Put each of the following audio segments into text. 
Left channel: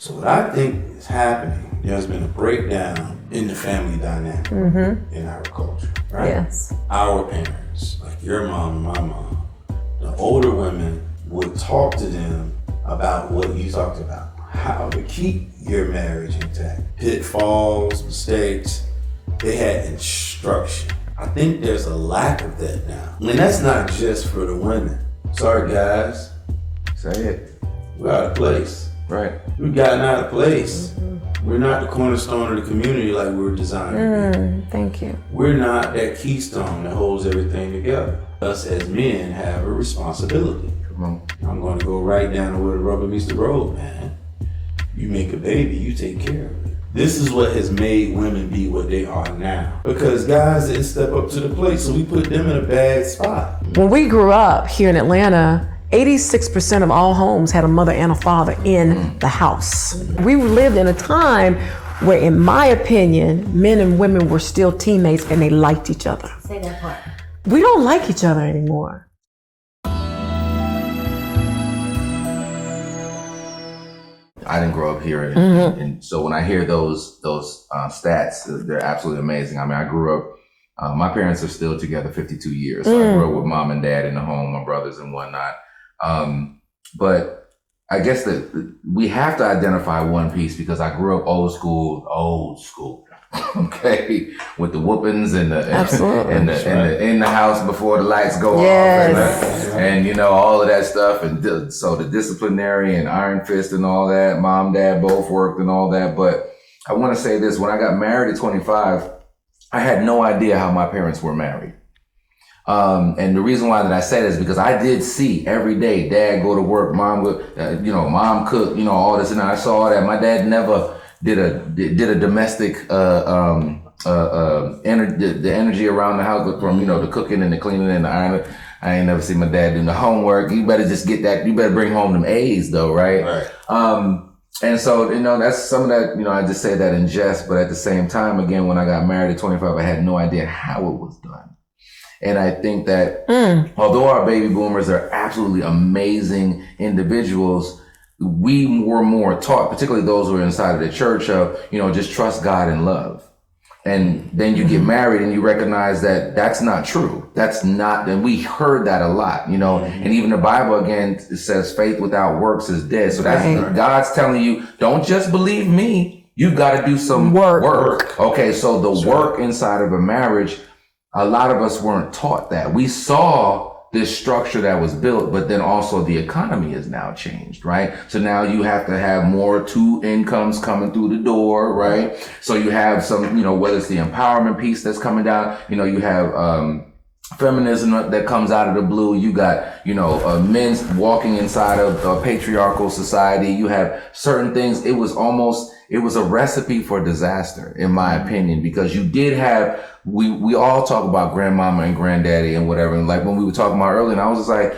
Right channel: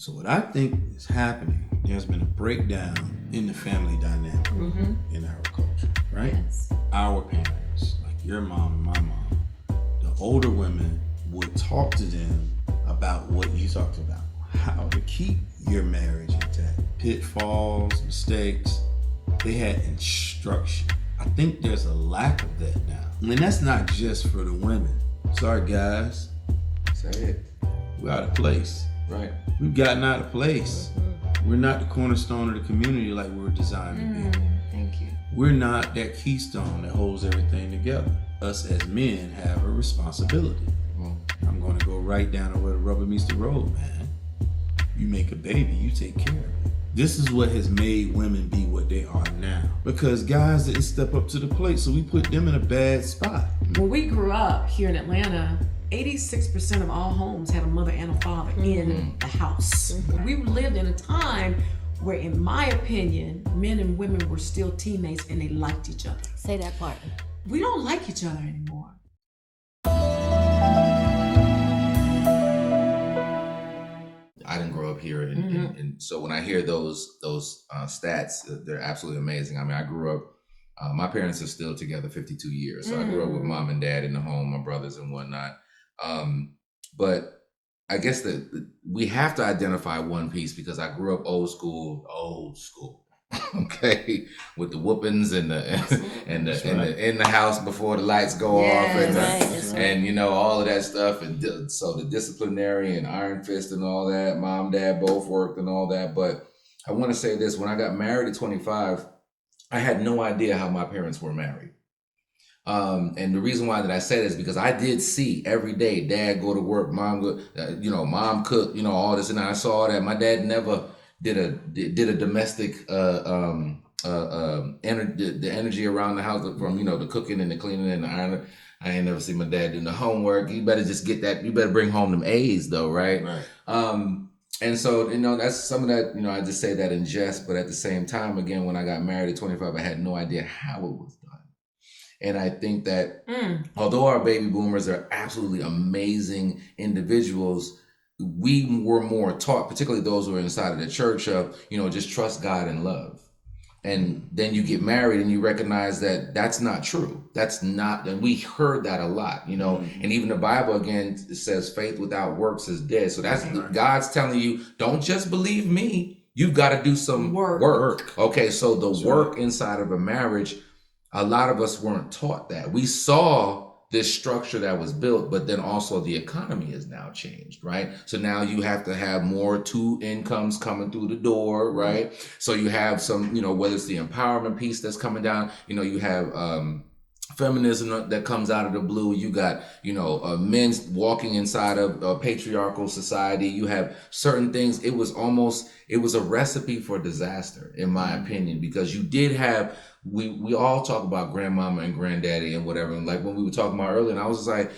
So what I think is happening, there's been a breakdown in the family dynamic in our culture, right? Yes. Our parents, like your mom and my mom, the older women would talk to them about what you talked about, how to keep your marriage intact, pitfalls, mistakes. They had instruction. I think there's a lack of that now. And that's not just for the women. Sorry, guys. Say it. We're out of place. Right. We've gotten out of place. We're not the cornerstone of the community like we were designed to be. Thank you. We're not that keystone that holds everything together. Us as men have a responsibility. I'm going to go right down to where the rubber meets the road, man. You make a baby, you take care of it. This is what has made women be what they are now. Because guys didn't step up to the plate, so we put them in a bad spot. When we grew up here in Atlanta, 86% of all homes had a mother and a father in the house. We lived in a time where, in my opinion, men and women were still teammates and they liked each other. Say that part. We don't like each other anymore. I didn't grow up here, and so when I hear those stats, they're absolutely amazing. I mean, I grew up. My parents are still together 52 years. So I grew up with mom and dad in the home, my brothers and whatnot. But I guess that we have to identify one piece because I grew up old school. Okay, with the whoopings and the in the house before the lights go off and you know all of that stuff, and so the disciplinary and iron fist and all that. Mom, dad both worked and all that. But I want to say this: when I got married at 25, I had no idea how my parents were married. And the reason why that I say this is because I did see every day dad go to work, mom go, mom cook, all this, and I saw that my dad never did a domestic the energy around the house from the cooking and the cleaning and the ironing. I ain't never seen my dad doing the homework. You better just get that. You better bring home them A's though, right? And so that's some of that. I just say that in jest, but at the same time, again, when I got married at 25, I had no idea how it was done. And I think that although our baby boomers are absolutely amazing individuals, we were more taught, particularly those who are inside of the church, of, just trust God and love. And then you get married and you recognize that that's not true. That's not, and we heard that a lot, and even the Bible, again, it says faith without works is dead. So that's God's telling you, don't just believe me. You got to do some work. Okay. So the work inside of a marriage, a lot of us weren't taught that. We saw this structure that was built, but then also the economy has now changed, right? So now you have to have more two incomes coming through the door, right? So you have some, whether it's the empowerment piece that's coming down, you have feminism that comes out of the blue. You got, men's walking inside of a patriarchal society. You have certain things. It was a recipe for disaster, in my opinion, because you did have, we all talk about grandmama and granddaddy and whatever. And like when we were talking about earlier, and I was just like,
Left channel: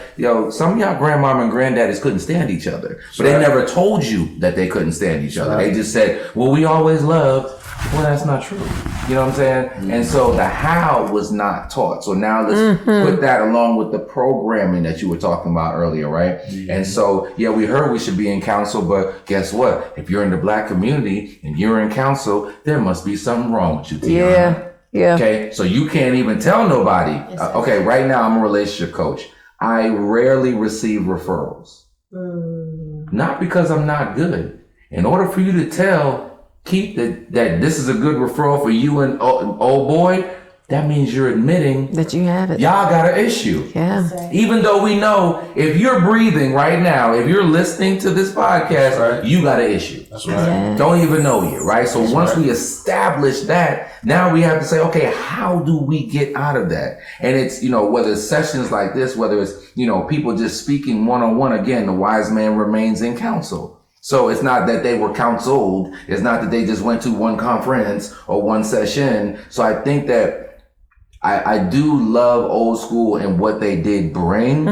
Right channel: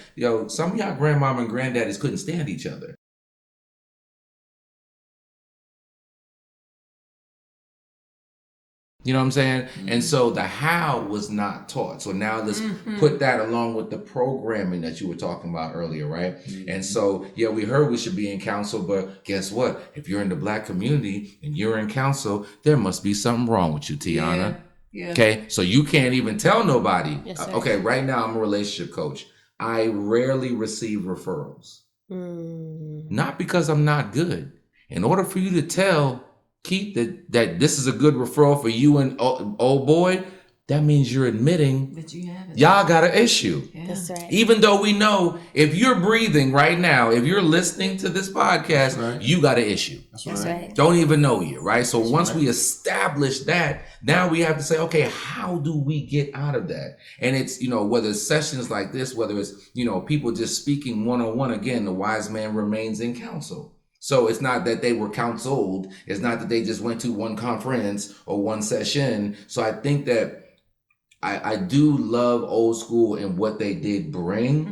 some of y'all grandmama and granddaddies couldn't stand each other, but they never told you that they couldn't stand each other. They just said, well, we always loved. Well, that's not true. You know what I'm saying? And so the how was not taught. So now let's put that along with the programming that you were talking about earlier, right? And so, we heard we should be in council, but guess what? If you're in the Black community and you're in council, there must be something wrong with you, Tyonna. Yeah. Okay, so you can't even tell nobody. Okay, right now I'm a relationship coach. I rarely receive referrals. Not because I'm not good. In order for you to tell Keith that this is a good referral for you and old boy, that means you're admitting that you have it. Y'all got an issue. Yeah. Even though we know if you're breathing right now, if you're listening to this podcast, you got an issue. That's right. Don't even know you, right? So once we establish that, now we have to say, okay, how do we get out of that? And it's, whether it's sessions like this, whether it's, people just speaking one-on-one, again, the wise man remains in counsel. So it's not that they were counseled. It's not that they just went to one conference or one session. So I think that I do love old school and what they did bring,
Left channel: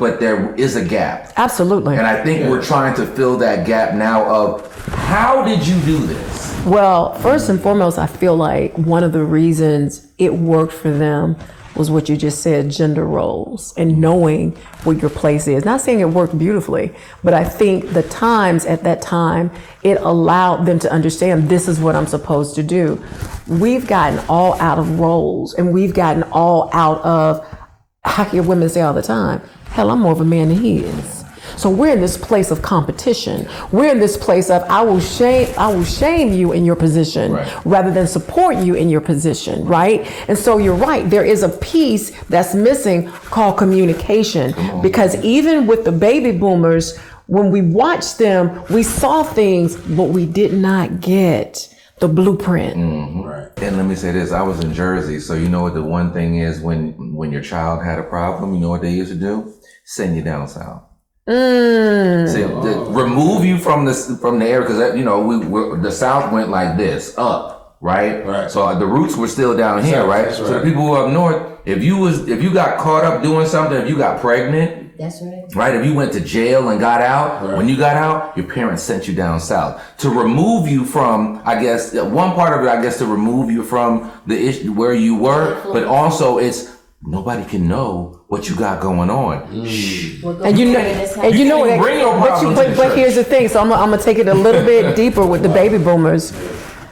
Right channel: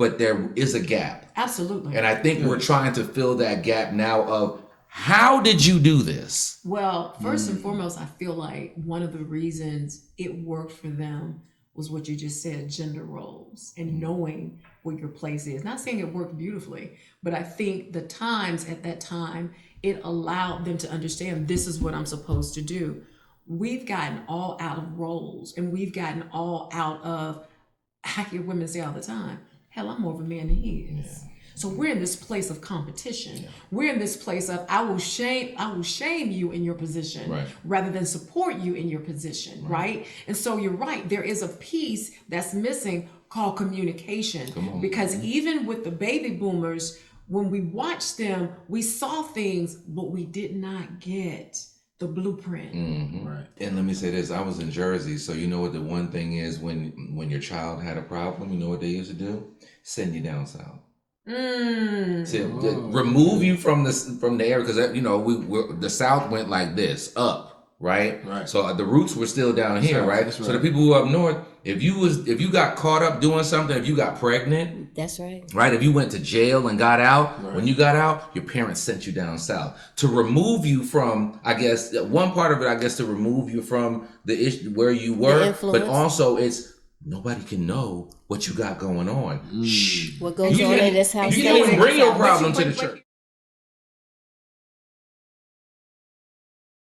but there is a gap. Absolutely. And I think we're trying to fill that gap now of how did you do this? Well, first and foremost, I feel like one of the reasons it worked for them was what you just said, gender roles and knowing what your place is. Not saying it worked beautifully, but I think the times at that time, it allowed them to understand this is what I'm supposed to do. We've gotten all out of roles and we've gotten all out of, how can women say all the time, hell, I'm more of a man than he is. So we're in this place of competition. We're in this place of I will shame you in your position rather than support you in your position, right? And so you're right, there is a piece that's missing called communication, because even with the baby boomers, when we watched them, we saw things, but we did not get the blueprint. Right. And let me say this, I was in Jersey, so you know what the one thing is when your child had a problem, you know what they used to do? Send you down south. Remove you from the area, because you know the South went like this up, right? So the roots were still down here, right? So the people who up north, if you got caught up doing something, if you got pregnant, that's right. Right, if you went to jail and got out, when you got out, your parents sent you down south to remove you from, I guess, one part of it, I guess, to remove you from the issue where you were, but also it's nobody can know what you got going on. Shh. And you know, bring your problems to the but church. here's the thing. So I'm gonna take it a little bit deeper with the baby boomers.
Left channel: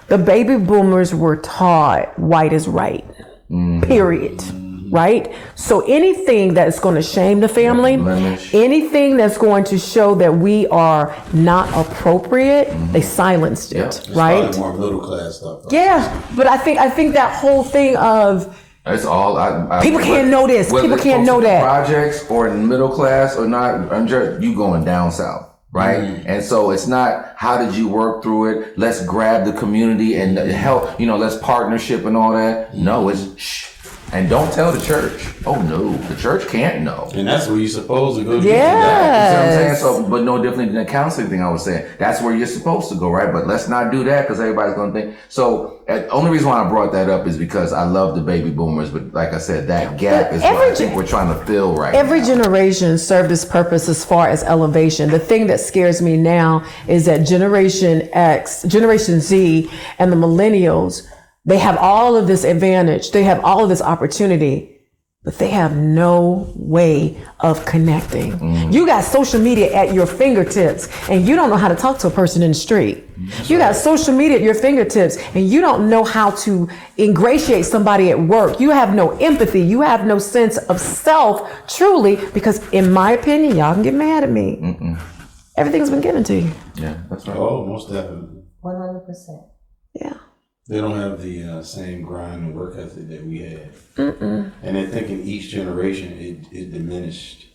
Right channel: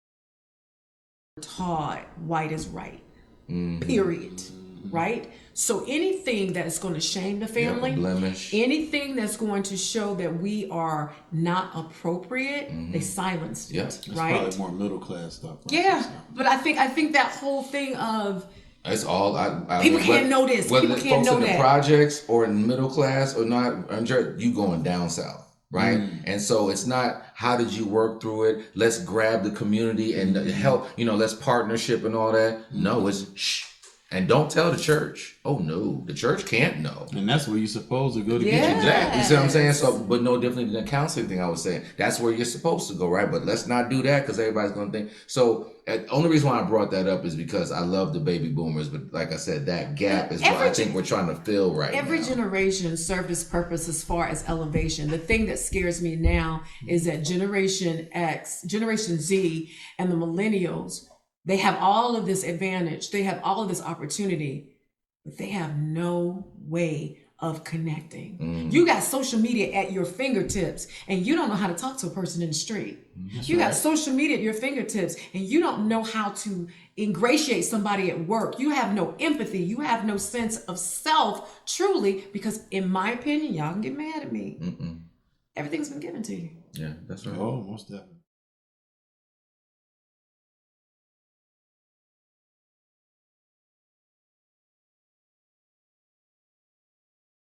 The baby boomers were taught white is right. Period. Right? So anything that is going to shame the family, anything that's going to show that we are not appropriate, they silenced it. Right? It's more middle class stuff. Yeah, but I think that whole thing of it's all people can't know this. People can't know that. Projects or in middle class or not, you going down south. Right? And so it's not how did you work through it? Let's grab the community and help, let's partnership and all that. No, it's shh. And don't tell the church. Oh no, the church can't know. And that's where you're supposed to go to get you back. You see what I'm saying? So, but no different than the counseling thing I was saying. That's where you're supposed to go, right? But let's not do that because everybody's gonna think. So, the only reason why I brought that up is because I love the baby boomers, but like I said, that gap is what I think we're trying to fill right now. Every generation served its purpose as far as elevation. The thing that scares me now is that Generation X, Generation Z, and the millennials, they have all of this advantage. They have all of this opportunity, but they have no way of connecting. You got social media at your fingertips and you don't know how to talk to a person in the street. You got social media at your fingertips and you don't know how to ingratiate somebody at work. You have no empathy. You have no sense of self, truly, because in my opinion, y'all can get mad at me. Everything's been given to you. Yeah, that's right. Oh, most definitely. 100%. Yeah. They don't have the same grind and work ethic that we had. And I think in each generation it diminished,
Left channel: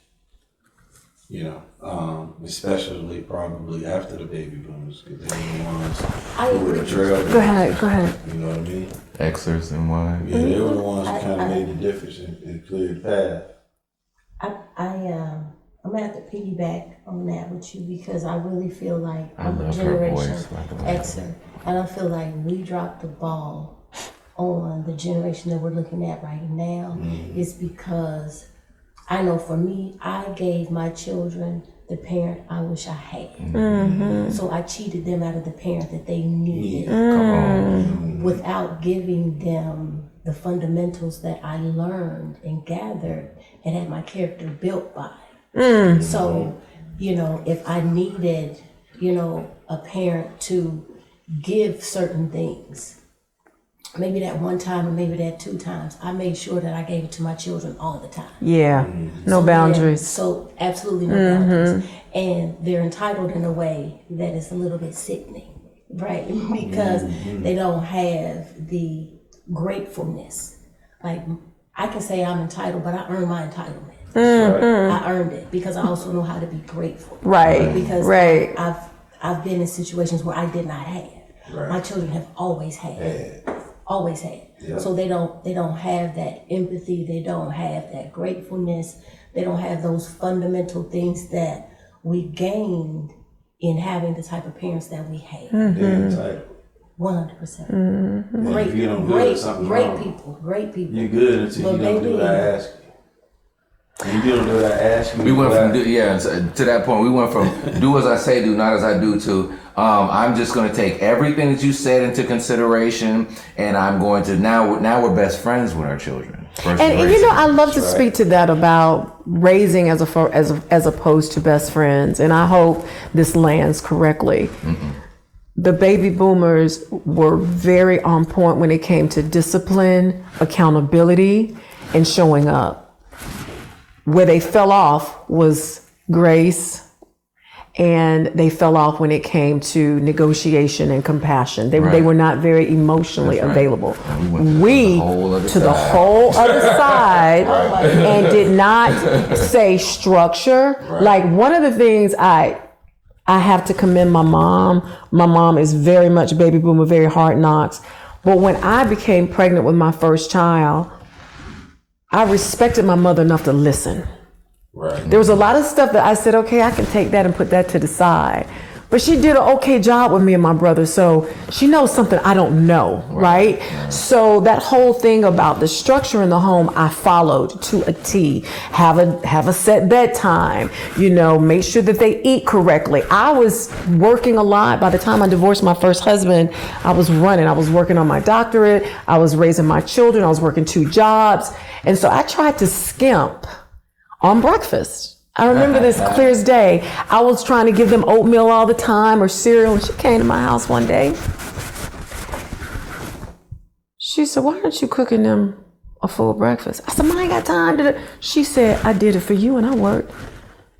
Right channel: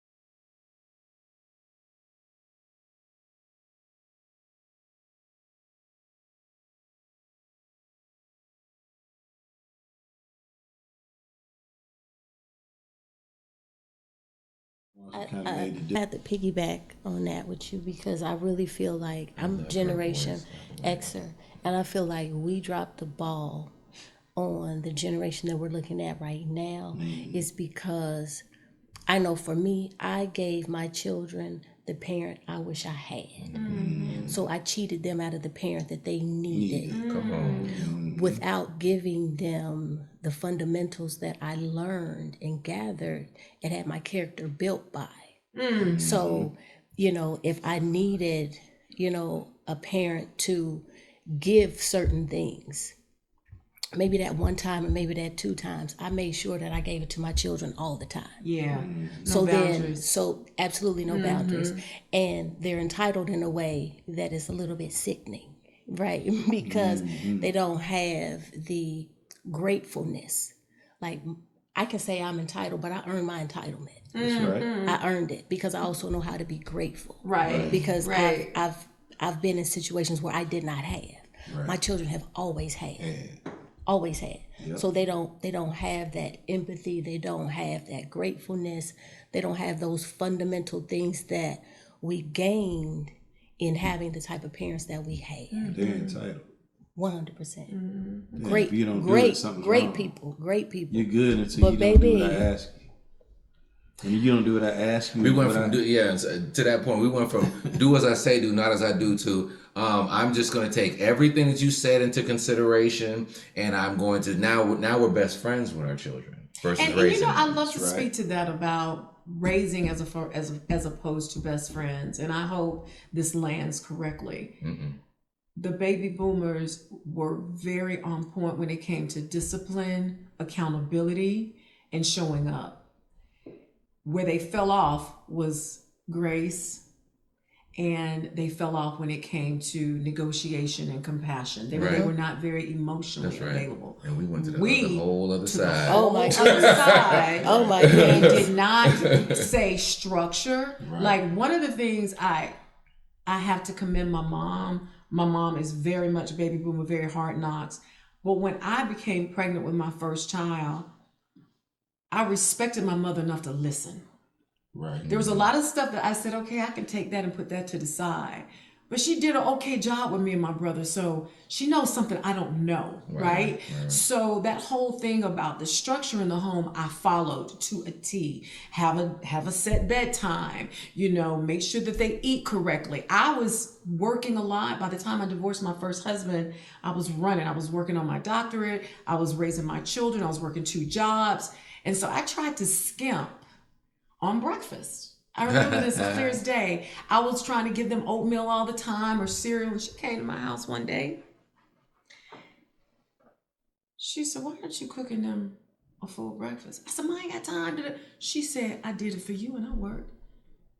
especially probably after the baby boomers, because they were the ones who were the trailblazers. Go ahead. You know what I mean? Xers and Y. Yeah, they were the ones who kind of made the difference and cleared the path. I'm gonna have to piggyback on that with you because I really feel like I'm a Generation Xer, and I feel like we dropped the ball on the generation that we're looking at right now. Is because I know for me, I gave my children the parent I wish I had. So I cheated them out of the parent that they needed. Without giving them the fundamentals that I learned and gathered and had my character built by. So, if I needed, a parent to give certain things, maybe that one time or maybe that 2 times, I made sure that I gave it to my children all the time. Yeah, no boundaries. So absolutely no boundaries. And they're entitled in a way that is a little bit sickening, right? Because they don't have the gratefulness. Like, I can say I'm entitled, but I earned my entitlement. I earned it because I also know how to be grateful. Right. Because I've been in situations where I did not have. My children have always had. Always had. Yeah. So they don't have that empathy, they don't have that gratefulness, they don't have those fundamental things that we gained in having the type of parents that we had. 100%. Great people. You're good until you don't do what I ask you. And you don't do what I ask you. We went from to that point. We went from do as I say, do not as I do to I'm just going to take everything that you said into consideration, and I'm going to now we're best friends with our children. And you know, I love to speak to that about raising as opposed to best friends. And I hope this lands correctly. Mm-hmm. The baby boomers were very on point when it came to discipline, accountability, and showing up. Where they fell off was grace, and they fell off when it came to negotiation and compassion. They were not very emotionally available. We to the whole other side and did not say structure. Like, one of the things I have to commend my mom. My mom is very much baby boomer, very hard knocks. But when I became pregnant with my first child, I respected my mother enough to listen. Right. There was a lot of stuff that I said, okay, I can take that and put that to the side. But she did an okay job with me and my brother, so she knows something I don't know, right? So that whole thing about the structure in the home, I followed to a T. Have a set bedtime, you know, make sure that they eat correctly. I was working a lot. By the time I divorced my first husband, I was running. I was working on my doctorate. I was raising my children. I was working 2 jobs. And so I tried to skimp on breakfast. I remember this clear as day. I was trying to give them oatmeal all the time or cereal, and she came to my house one day. She said, "Why aren't you cooking them a full breakfast?" I said, "Ma, I ain't got time to." She said, "I did it for you and I worked."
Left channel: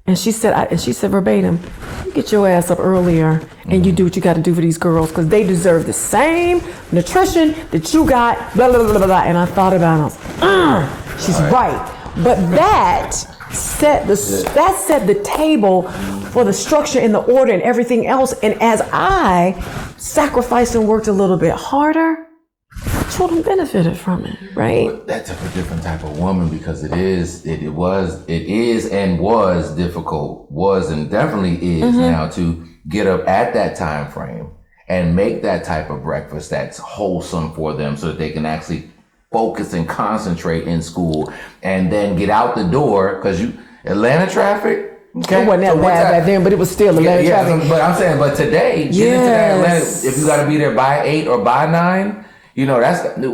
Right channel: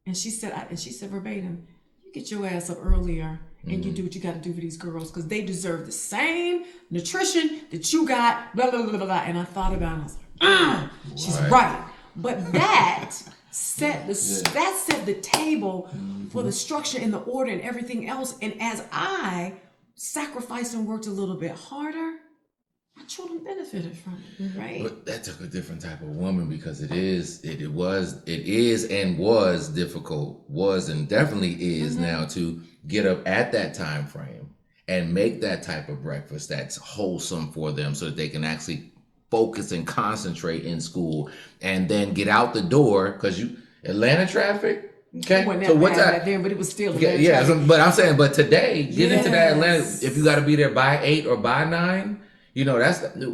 And she said verbatim, "You get your ass up earlier and you do what you got to do for these girls, because they deserve the same nutrition that you got." Blah, blah, blah, blah. And I thought about it. I was like, she's right. But that set the table for the structure and the order and everything else. And as I sacrificed and worked a little bit harder, children benefited from it, right? But that took a different type of woman, because it is and was difficult, was and definitely is now, to get up at that time frame and make that type of breakfast that's wholesome for them, so that they can actually focus and concentrate in school, and then get out the door, because Atlanta traffic. Okay, it wasn't that bad back then, but it was still Atlanta traffic. But I'm saying, but today, get into that Atlanta, if you got to be there by 8 or by 9, you know,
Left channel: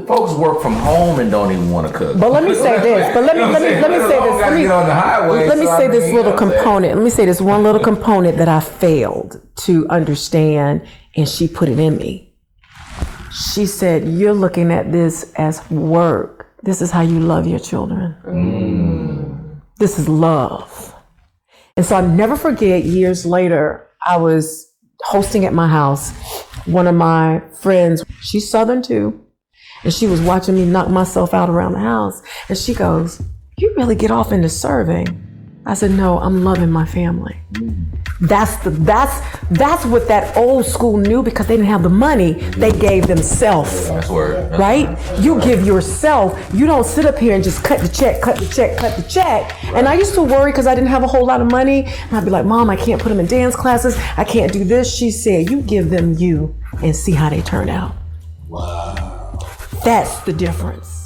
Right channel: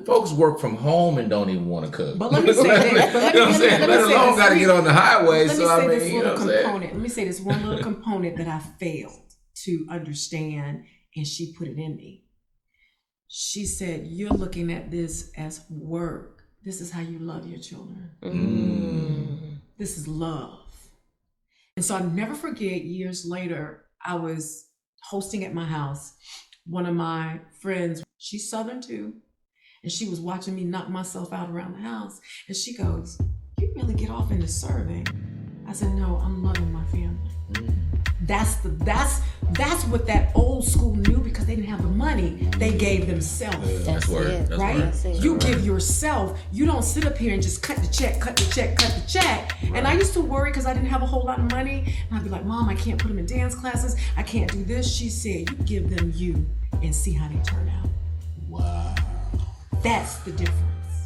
folks work from home and don't even want to cook. But let me say this. But let me say this. Got to get on the highway. Let me say this little component. Let me say this one little component that I failed to understand, and she put it in me. She said, "You're looking at this as work. This is how you love your children. This is love." And so I'll never forget, years later, I was hosting at my house. One of my friends, she's Southern too, and she was watching me knock myself out around the house. And she goes, "You really get off into serving." I said, "No, I'm loving my family." That's what that old school knew, because they didn't have the money. They gave themselves. Right? You give yourself. You don't sit up here and just cut the check. And I used to worry because I didn't have a whole lot of money. And I'd be like, "Mom, I can't put them in dance classes. I can't do this." She said, "You give them you and see how they turn out." Wow. That's the difference.